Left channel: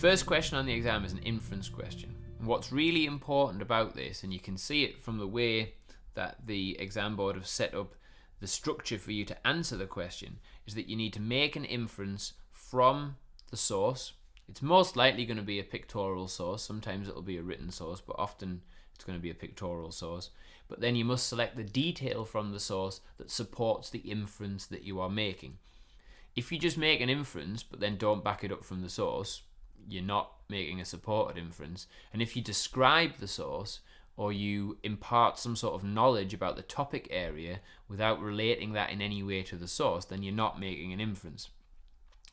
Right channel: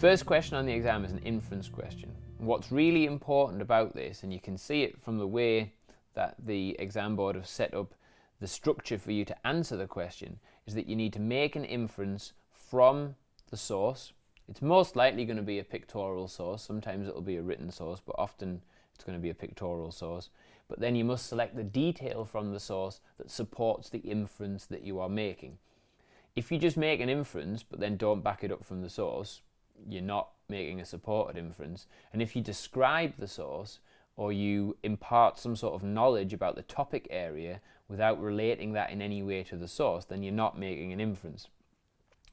first question on the exam is an inference question. What's really important about this, and you can see it from the way that the exam board have set up the structure for you to answer the question, is that you need to make an inference from the source. It's most likely going to be a pictorial source. Sometimes it'll be a written source, but often it's going to be a pictorial source. But then you must select the detail from the source that supports the inference that you are making. If you just make an inference but then don't back it up from the source, you're not making a supported inference. And if you describe the source or you impart some sort of knowledge about the topic area without relating that in any way to the source, then you're not making an inference.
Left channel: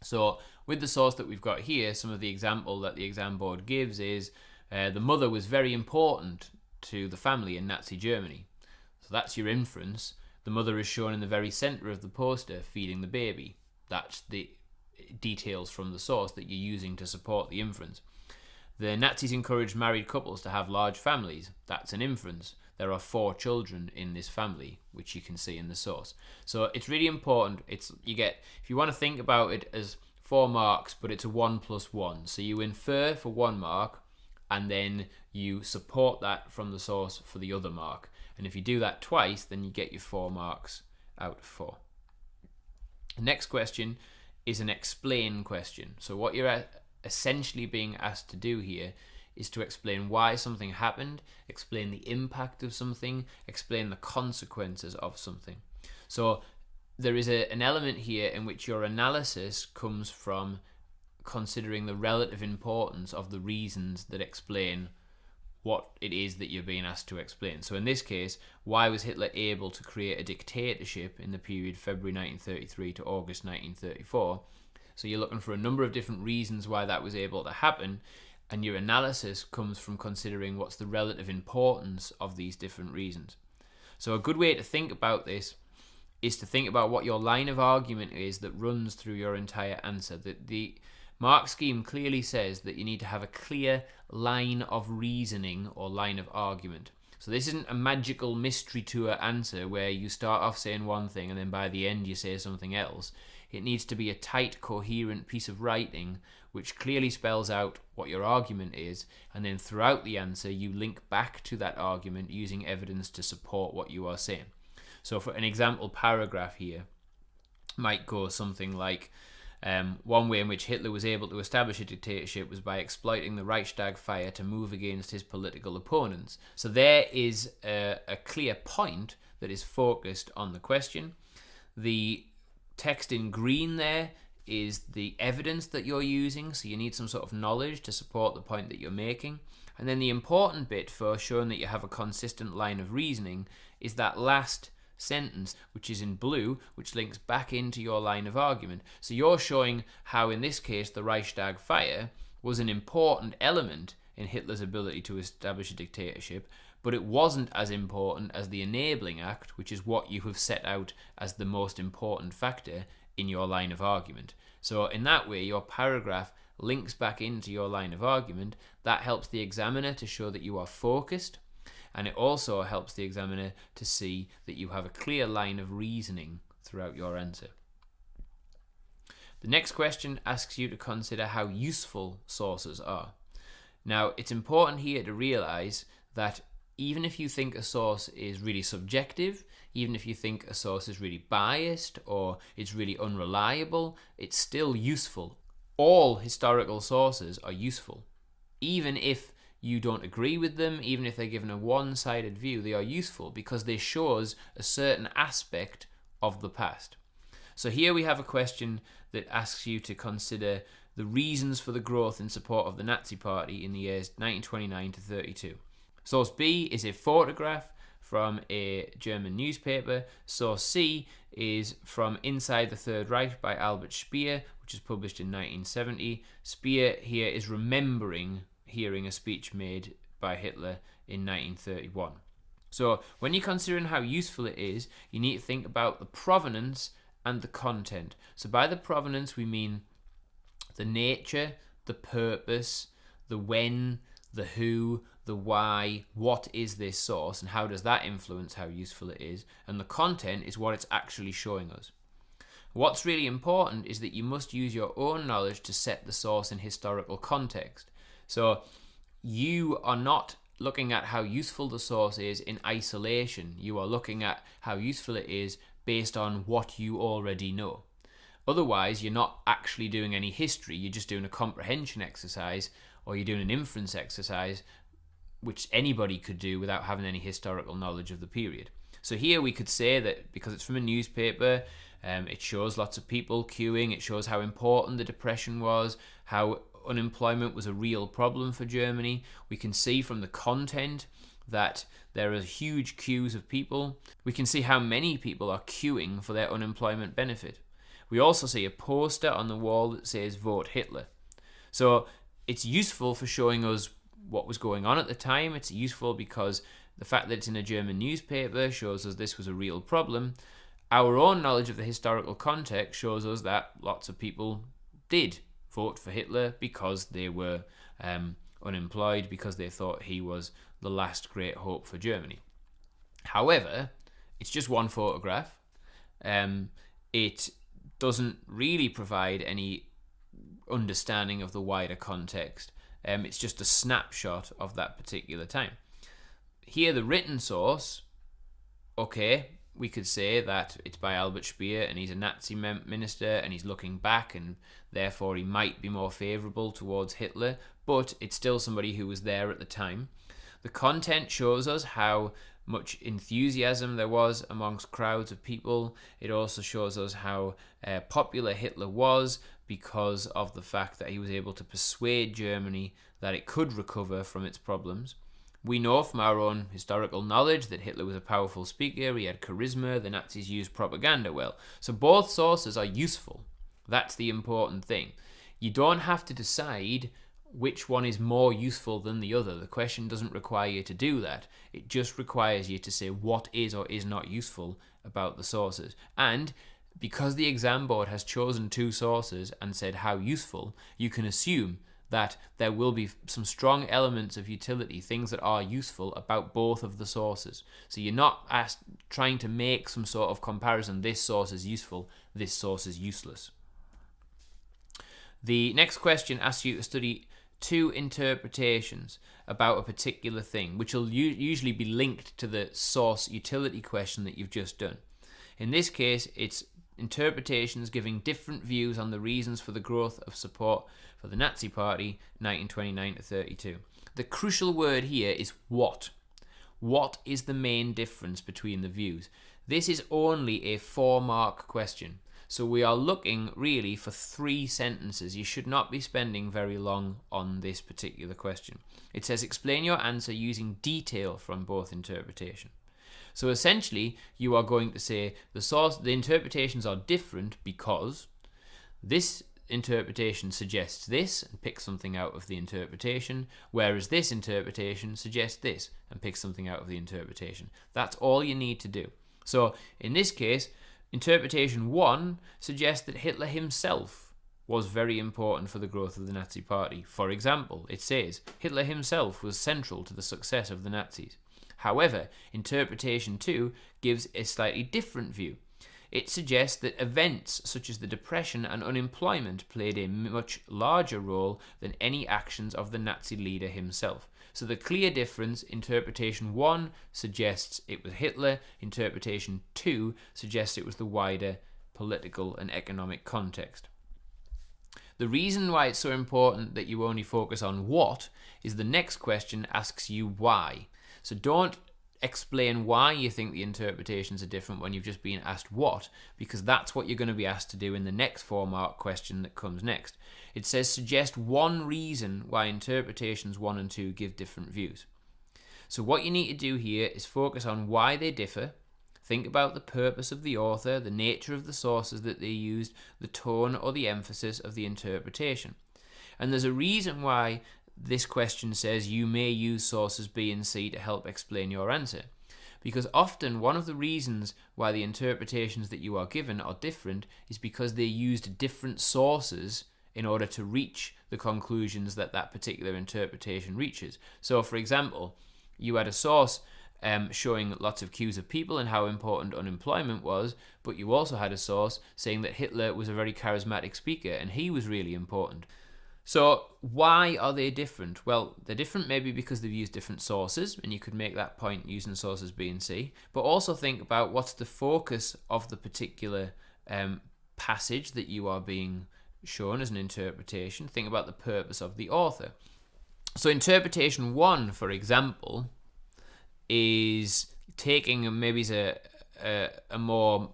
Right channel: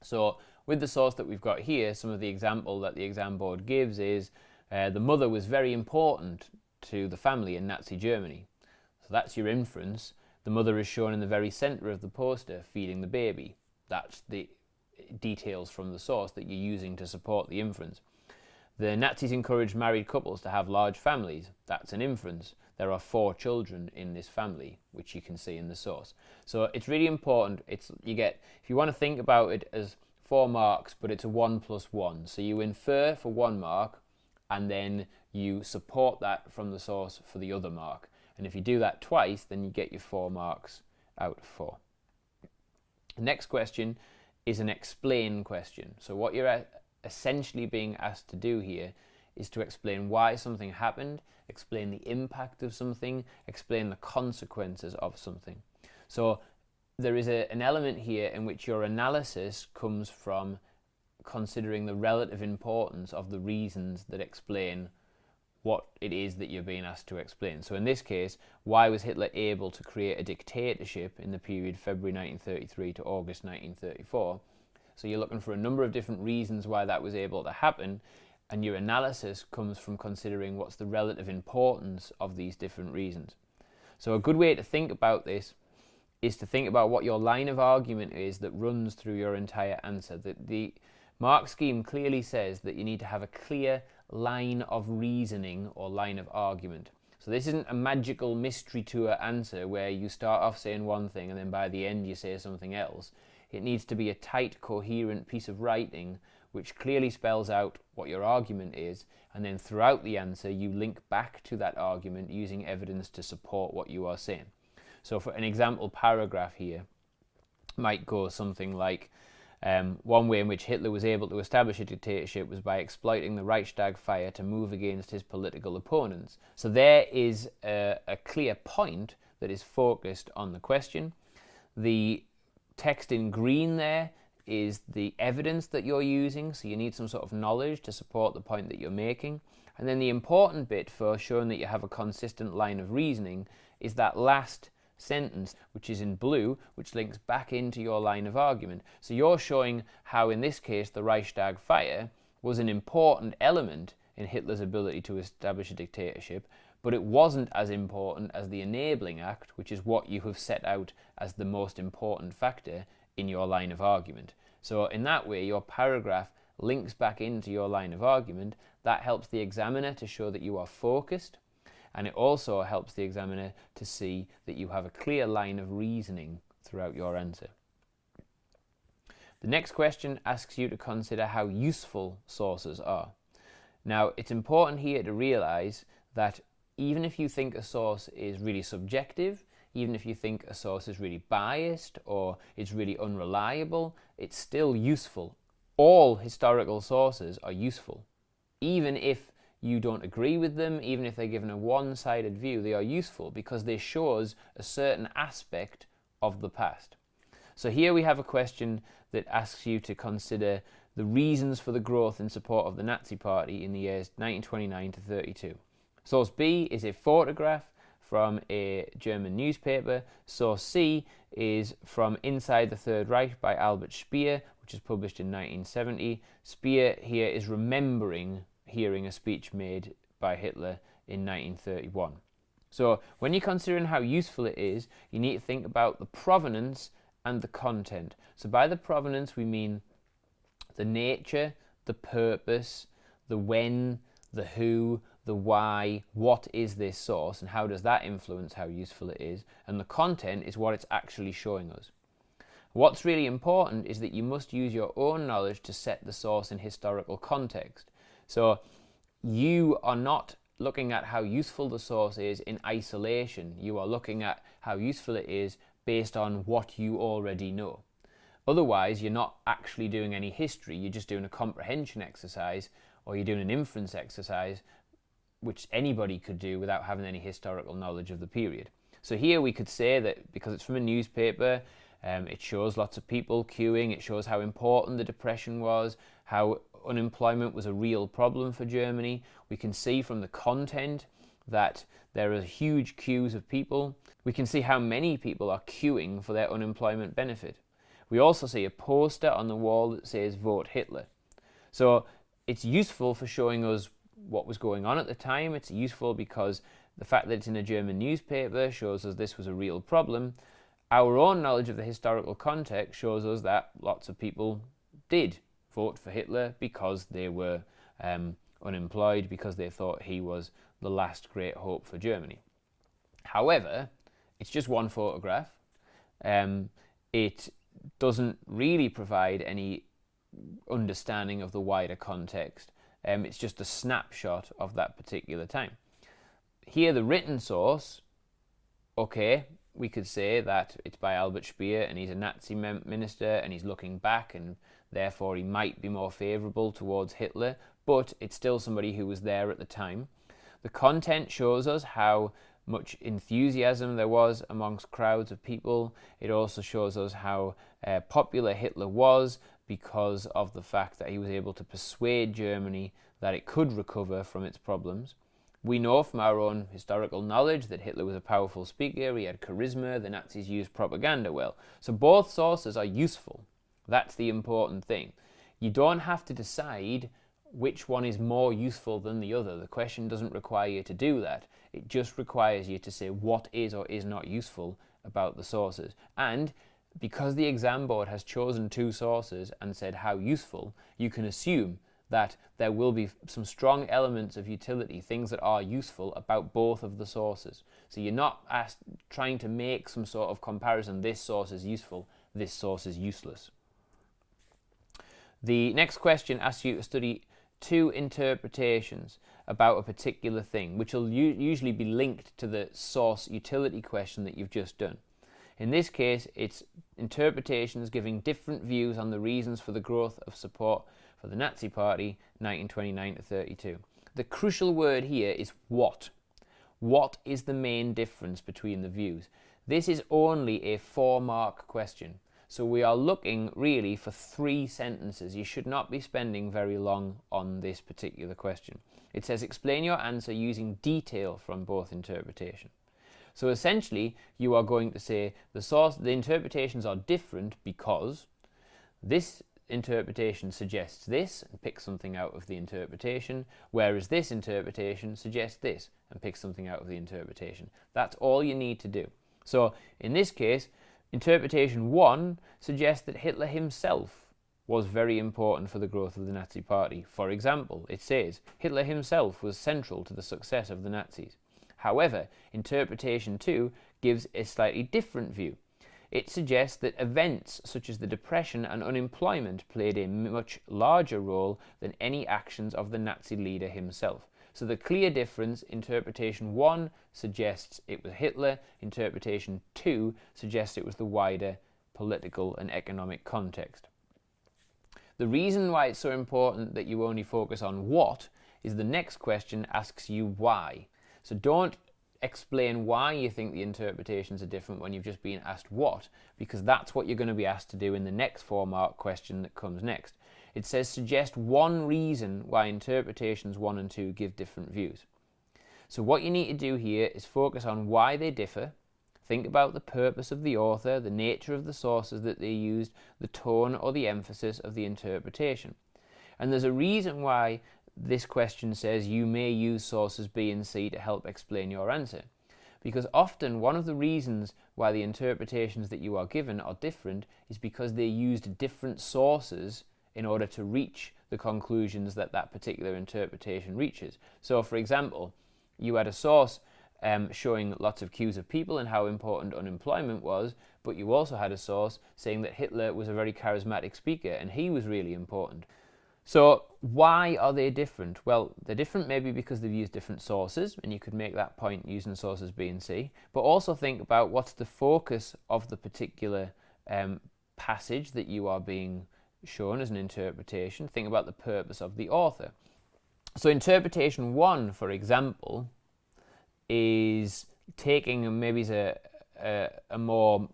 So with the source that we've got here, some of the example that the exam board gives is the mother was very important to the family in Nazi Germany. So that's your inference. The mother is shown in the very center of the poster feeding the baby. That's the details from the source that you're using to support the inference. The Nazis encouraged married couples to have large families. That's an inference. There are 4 children in this family, which you can see in the source. So it's really important. If you want to think about it as 4 marks, but it's a 1 plus 1. So you infer for 1 mark, and then you support that from the source for the other mark. And if you do that twice, then you get your 4 marks out of 4. The next question is an explain question. So what you're essentially being asked to do here is to explain why something happened, explain the impact of something, explain the consequences of something. So there is an element here in which your analysis comes from considering the relative importance of the reasons that explain what it is that you're being asked to explain. So in this case, why was Hitler able to create a dictatorship in the period February 1933 to August 1934? So you're looking for a number of different reasons why that was able to happen, and your analysis comes from considering what's the relative importance of these different reasons. So a good way to think about this is to think about what your line of argument is that runs through your entire answer. The Mark scheme clearly says that you need to have a clear line of reasoning or line of argument. So this isn't a magical mystery tour answer where you start off saying one thing and then by the end you say something else. It needs to be a tight, coherent piece of writing which clearly spells out what your argument is, and then throughout the answer you link back to that argument using evidence to support what you are saying. So for an example paragraph here might go something like, one way in which Hitler was able to establish a dictatorship was by exploiting the Reichstag fire to move against his political opponents. So there is a clear point that is focused on the question. The text in green there is the evidence that you're using, so you need some sort of knowledge to support the point that you're making. And then the important bit for showing that you have a consistent line of reasoning is that last sentence, which is in blue, which links back into your line of argument. So you're showing how, in this case, the Reichstag fire was an important element in Hitler's ability to establish a dictatorship, but it wasn't as important as the Enabling Act, which is what you have set out as the most important factor in your line of argument. So in that way, your paragraph links back into your line of argument. That helps the examiner to show that you are focused, and it also helps the examiner to see that you have a clear line of reasoning throughout your answer. The next question asks you to consider how useful sources are. Now, it's important here to realize that even if you think a source is really subjective, even if you think a source is really biased or it's really unreliable, it's still useful. All historical sources are useful. Even if you don't agree with them, even if they're given a one-sided view, they are useful because they show us a certain aspect of the past. So here we have a question that asks you to consider the reasons for the growth in support of the Nazi Party in the years 1929 to 32. Source B is a photograph from a German newspaper. Source C is from Inside the Third Reich by Albert Speer, which is published in 1970. Speer here is remembering hearing a speech made by Hitler in 1931. So when you're considering how useful it is, you need to think about the provenance and the content. So by the provenance we mean the nature, the purpose, the when, the who, the why, what is this source, and how does that influence how useful it is, and the content is what it's actually showing us. What's really important is that you must use your own knowledge to set the source in historical context. So you are not looking at how useful the source is in isolation. You are looking at how useful it is based on what you already know. Otherwise, you're not actually doing any history. You're just doing a comprehension exercise, or you're doing an inference exercise, which anybody could do without having any historical knowledge of the period. So here we could say that because it's from a newspaper, it shows lots of people queuing, it shows how important the Depression was, how unemployment was a real problem for Germany. We can see from the content that there are huge queues of people. We can see how many people are queuing for their unemployment benefit. We also see a poster on the wall that says "Vote Hitler." So it's useful for showing us what was going on at the time. It's useful because the fact that it's in a German newspaper shows us this was a real problem. Our own knowledge of the historical context shows us that lots of people did vote for Hitler because they were unemployed, because they thought he was the last great hope for Germany. However, it's just one photograph. It doesn't really provide any understanding of the wider context. It's just a snapshot of that particular time. Here, the written source, okay, we could say that it's by Albert Speer and he's a Nazi minister and he's looking back and therefore he might be more favourable towards Hitler, but it's still somebody who was there at the time. The content shows us how much enthusiasm there was amongst crowds of people. It also shows us how popular Hitler was because of the fact that he was able to persuade Germany that it could recover from its problems. We know from our own historical knowledge that Hitler was a powerful speaker, he had charisma, the Nazis used propaganda well. So both sources are useful. That's the important thing. You don't have to decide which one is more useful than the other. The question doesn't require you to do that. It just requires you to say what is or is not useful about the sources. And because the exam board has chosen two sources and said how useful, you can assume that there will be some strong elements of utility, things that are useful about both of the sources. So you're not trying to make some sort of comparison, this source is useful, this source is useless. The next question asks you to study two interpretations about a particular thing, which will usually be linked to the source utility question that you've just done. In this case, it's interpretations giving different views on the reasons for the growth of support for the Nazi Party 1929 to 32. The crucial word here is what. What is the main difference between the views? This is only a 4-mark question. So we are looking really for 3 sentences. You should not be spending very long on this particular question. It says explain your answer using detail from both interpretations. So essentially, you are going to say the interpretations are different because this interpretation suggests this and pick something out of the interpretation, whereas this interpretation suggests this and pick something out of the interpretation. That's all you need to do. So in this case, interpretation 1 suggests that Hitler himself was very important for the growth of the Nazi Party. For example, it says Hitler himself was central to the success of the Nazis. However, interpretation 2 gives a slightly different view. It suggests that events such as the Depression and unemployment played a much larger role than any actions of the Nazi leader himself. So the clear difference, interpretation 1 suggests it was Hitler, interpretation 2 suggests it was the wider political and economic context. The reason why it's so important that you only focus on what is the next question asks you why. So don't explain why you think the interpretations are different when you've just been asked what, because that's what you're going to be asked to do in the next 4-mark question that comes next. It says suggest one reason why interpretations 1 and 2 give different views. So what you need to do here is focus on why they differ, think about the purpose of the author, the nature of the sources that they used, the tone or the emphasis of the interpretation. And there's a reason why this question says you may use sources B and C to help explain your answer. Because often one of the reasons why the interpretations that you are given are different is because they used different sources in order to reach the conclusions that that particular interpretation reaches. So for example, you had a source showing lots of queues of people and how important unemployment was, but you also had a source saying that Hitler was a very charismatic speaker and he was really important. So why are they different? Well, they're different maybe because they've used different sources, and you could make that point using sources B and C, but also think about what's the focus of the particular passage that you are being shown as an interpretation. Think about the purpose of the author. So interpretation 1, for example, is taking maybe a more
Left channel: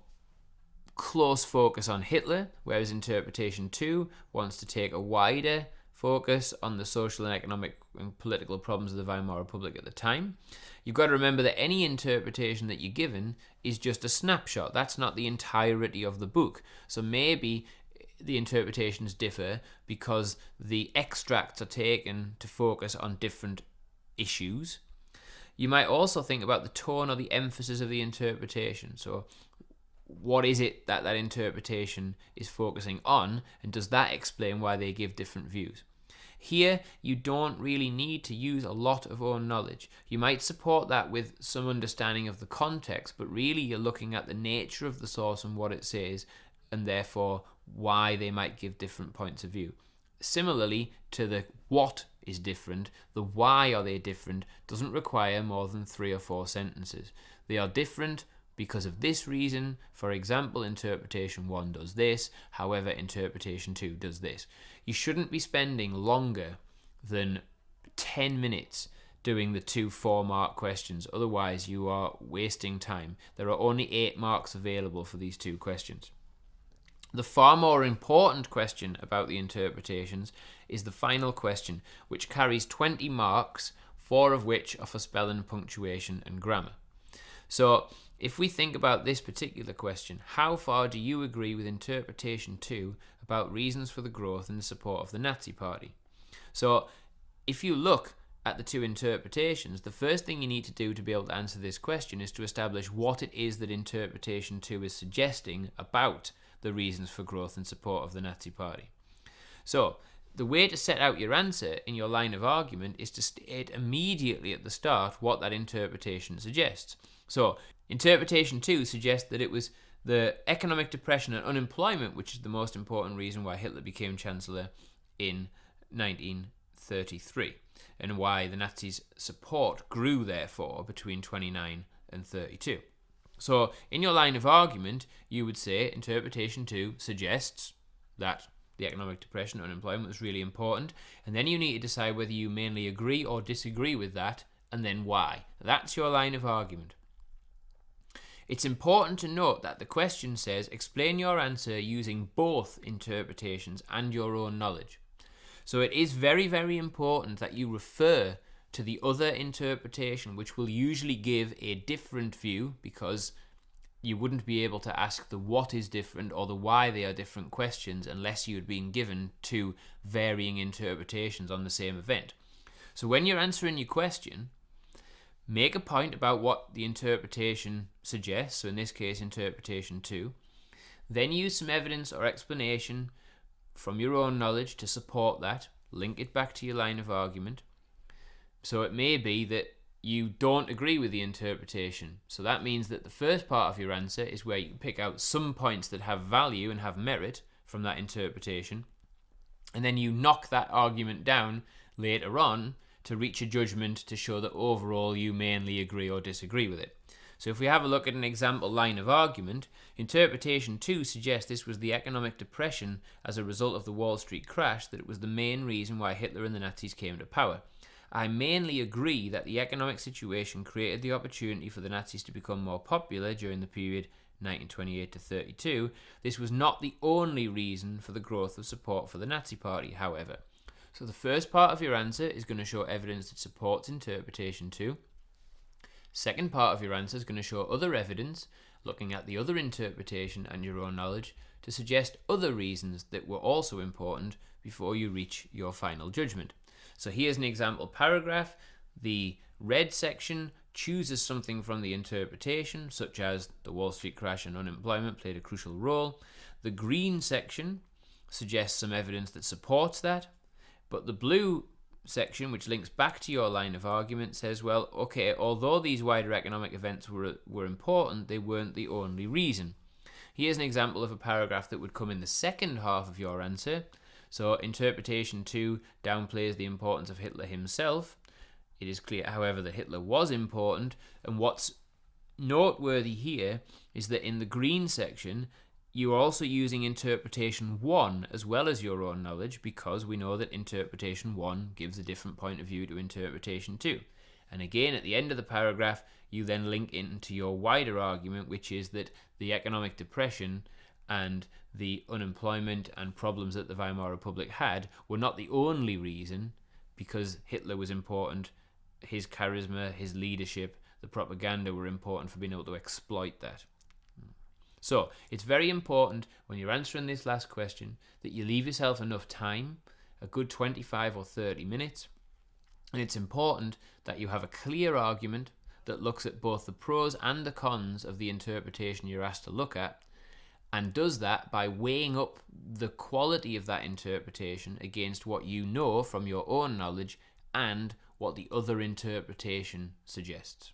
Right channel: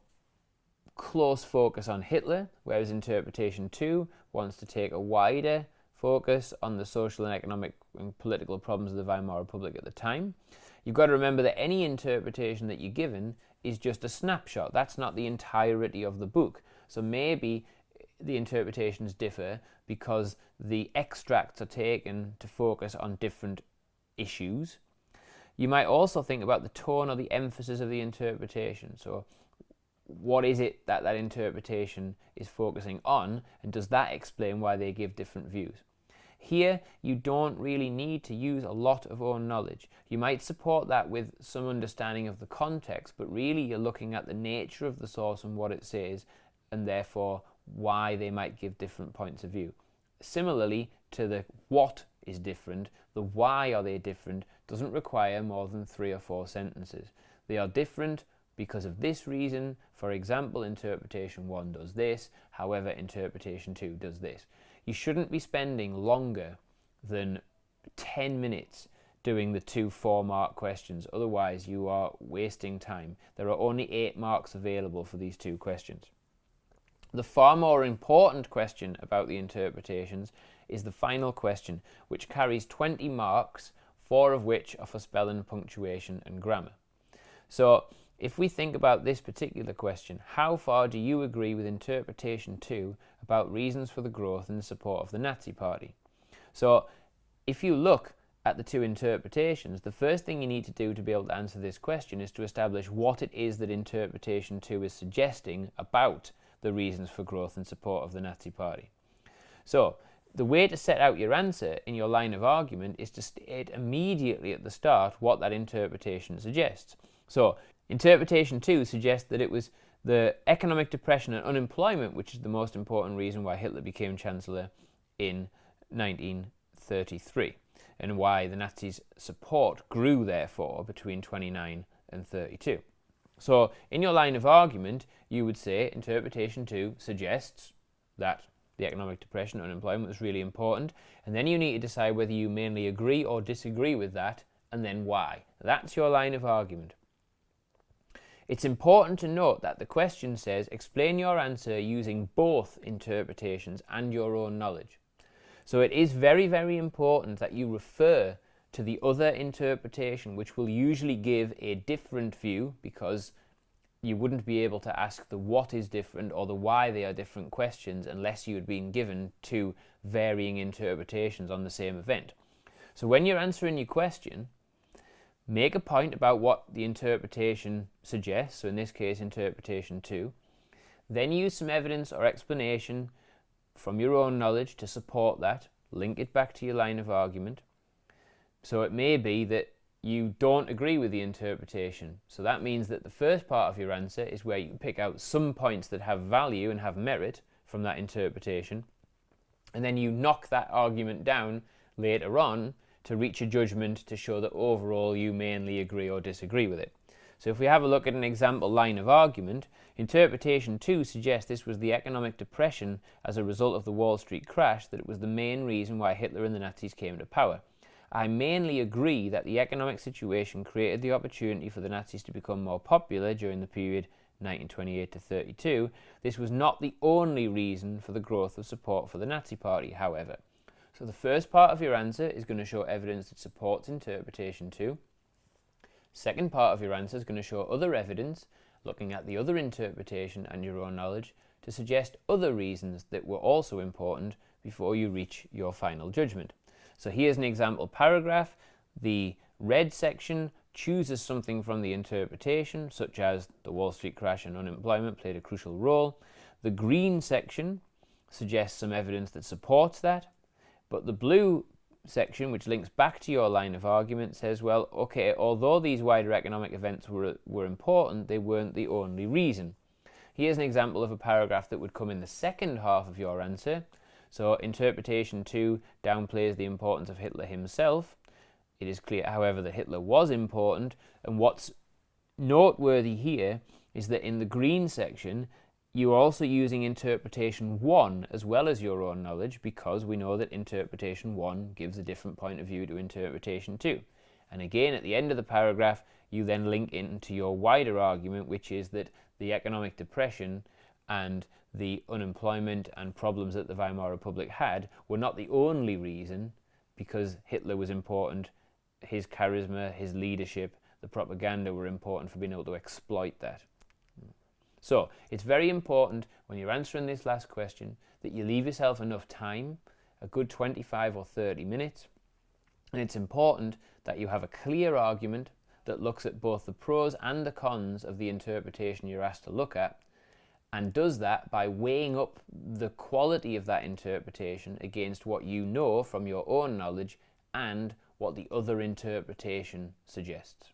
close focus on Hitler, whereas interpretation 2 wants to take a wider focus on the social and economic and political problems of the Weimar Republic at the time. You've got to remember that any interpretation that you're given is just a snapshot. That's not the entirety of the book. So maybe the interpretations differ because the extracts are taken to focus on different issues. You might also think about the tone or the emphasis of the interpretation. So what is it that that interpretation is focusing on, and does that explain why they give different views? Here, you don't really need to use a lot of own knowledge. You might support that with some understanding of the context, but really you're looking at the nature of the source and what it says, and therefore why they might give different points of view. Similarly to the what is different, the why are they different doesn't require more than 3 or 4 sentences. They are different because of this reason. For example, interpretation 1 does this, however interpretation 2 does this. You shouldn't be spending longer than 10 minutes doing the 2 4-mark questions, otherwise you are wasting time. There are only 8 marks available for these 2 questions. The far more important question about the interpretations is the final question, which carries 20 marks, 4 of which are for spelling, punctuation and grammar. So if we think about this particular question, how far do you agree with interpretation 2 about reasons for the growth and the support of the Nazi Party? So if you look at the 2 interpretations, the first thing you need to do to be able to answer this question is to establish what it is that interpretation 2 is suggesting about the reasons for growth and support of the Nazi Party. So the way to set out your answer in your line of argument is to state immediately at the start what that interpretation suggests. So interpretation 2 suggests that it was the economic depression and unemployment which is the most important reason why Hitler became Chancellor in 1933, and why the Nazis' support grew therefore between 29 and 32. So in your line of argument, you would say interpretation 2 suggests that the economic depression and unemployment was really important, and then you need to decide whether you mainly agree or disagree with that, and then why. That's your line of argument. It's important to note that the question says explain your answer using both interpretations and your own knowledge. So it is very, very important that you refer to the other interpretation, which will usually give a different view, because you wouldn't be able to ask the what is different or the why they are different questions unless you had been given 2 varying interpretations on the same event. So when you're answering your question, make a point about what the interpretation suggests, so in this case interpretation 2, then use some evidence or explanation from your own knowledge to support that, link it back to your line of argument. So it may be that you don't agree with the interpretation, so that means that the first part of your answer is where you can pick out some points that have value and have merit from that interpretation, and then you knock that argument down later on to reach a judgment to show that overall you mainly agree or disagree with it. So if we have a look at an example line of argument, interpretation 2 suggests this was the economic depression as a result of the Wall Street crash, that it was the main reason why Hitler and the Nazis came to power. I mainly agree that the economic situation created the opportunity for the Nazis to become more popular during the period 1928 to 32. This was not the only reason for the growth of support for the Nazi Party, however. So the first part of your answer is going to show evidence that supports interpretation 2. Second part of your answer is going to show other evidence, looking at the other interpretation and your own knowledge, to suggest other reasons that were also important before you reach your final judgment. So here's an example paragraph. The red section chooses something from the interpretation, such as the Wall Street crash and unemployment played a crucial role. The green section suggests some evidence that supports that, but the blue section, which links back to your line of argument, says, well, okay, although these wider economic events were important, they weren't the only reason. Here's an example of a paragraph that would come in the second half of your answer. So interpretation 2 downplays the importance of Hitler himself. It is clear, however, that Hitler was important, and what's noteworthy here is that in the green section, you're also using interpretation 1 as well as your own knowledge, because we know that interpretation 1 gives a different point of view to interpretation 2. And again, at the end of the paragraph, you then link into your wider argument, which is that the economic depression and the unemployment and problems that the Weimar Republic had were not the only reason, because Hitler was important. His charisma, his leadership, the propaganda were important for being able to exploit that. So it's very important when you're answering this last question that you leave yourself enough time, a good 25 or 30 minutes, and it's important that you have a clear argument that looks at both the pros and the cons of the interpretation you're asked to look at, and does that by weighing up the quality of that interpretation against what you know from your own knowledge and what the other interpretation suggests.